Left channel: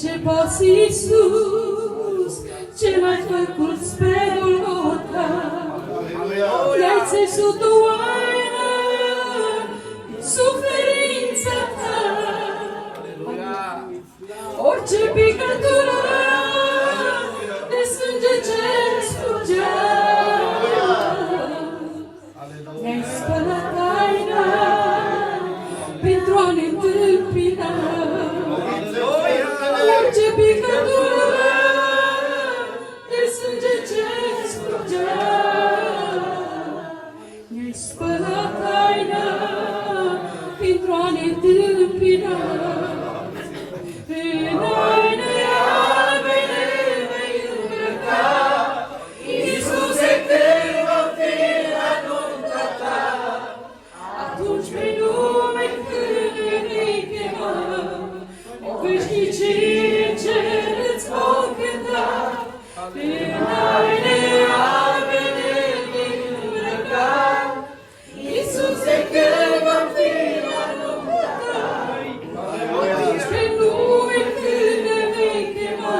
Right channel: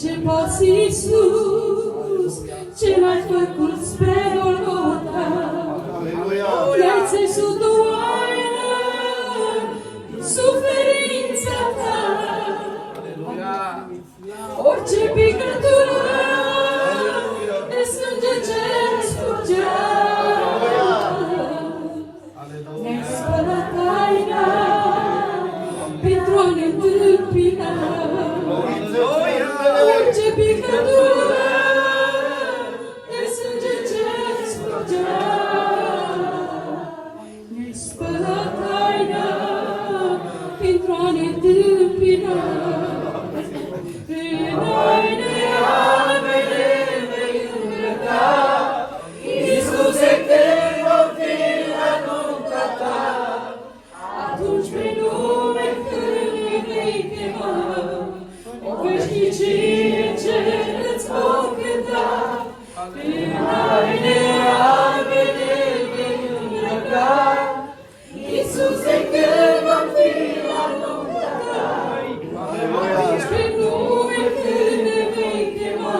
Ce poți, Iisus, ce l-ai făcut spre Golgota, le-ai țesut o oaină în suferința ta. Orice picătură de sânge ce scurgea, ne-ai spălat taina pentru a ne întâmpina. Orice picătură de sânge ce scurgea, ne-ai spălat taina pentru a ne întâmpina. În haine albene vei îmbrăca, Iisuse, când vom fi la nunta ta. Atunci pe nume când ne vei chema, o veșnicie ce îți vom cânta. În haine albene vei îmbrăca, Iisuse, când vom fi la nunta ta. Atunci pe nume când ne vei chema,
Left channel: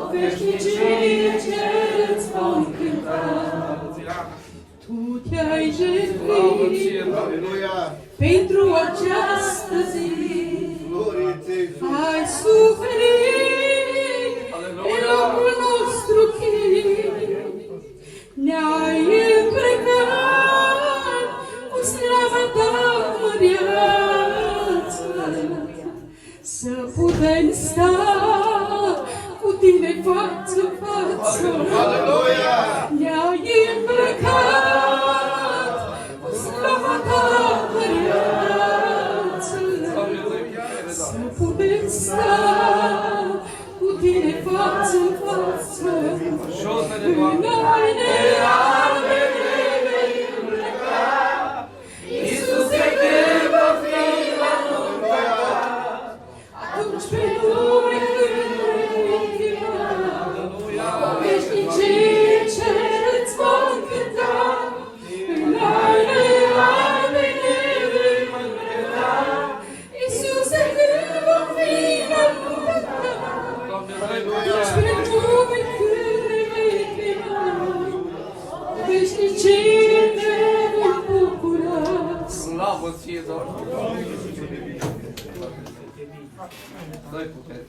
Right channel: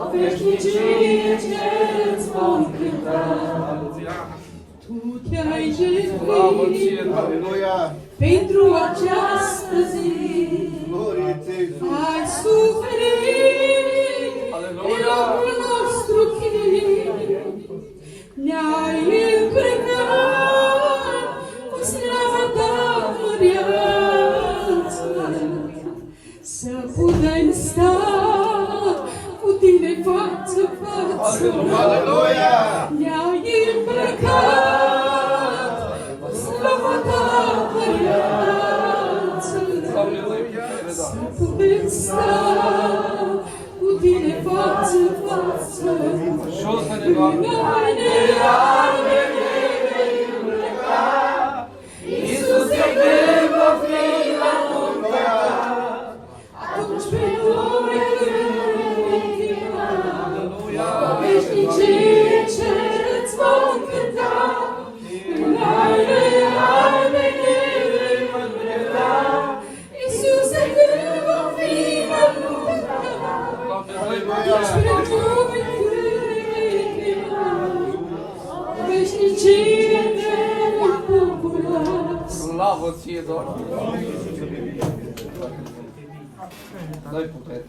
o veșnicie ce îți vom cânta. Tu te-ai jertfit pentru această zi, ai suferit pe locul nostru chin, ne-ai îmbrăcat cu slava ta măreață, să putem sta cu tine față-față. Ne-ai îmbrăcat cu slava ta măreață, să putem sta cu tine față-față. În haine albe ne vei îmbrăca, Iisuse, când vom fi la nunta ta. Atunci pe nume când ne vei chema, o veșnicie ce îți vom cânta. În haine albe ne vei îmbrăca, Iisuse, când vom fi la nunta ta. Atunci pe nume când ne vei chema, o veșnicie ne vom bucura. Slavă ție, Doamne! Dai putere!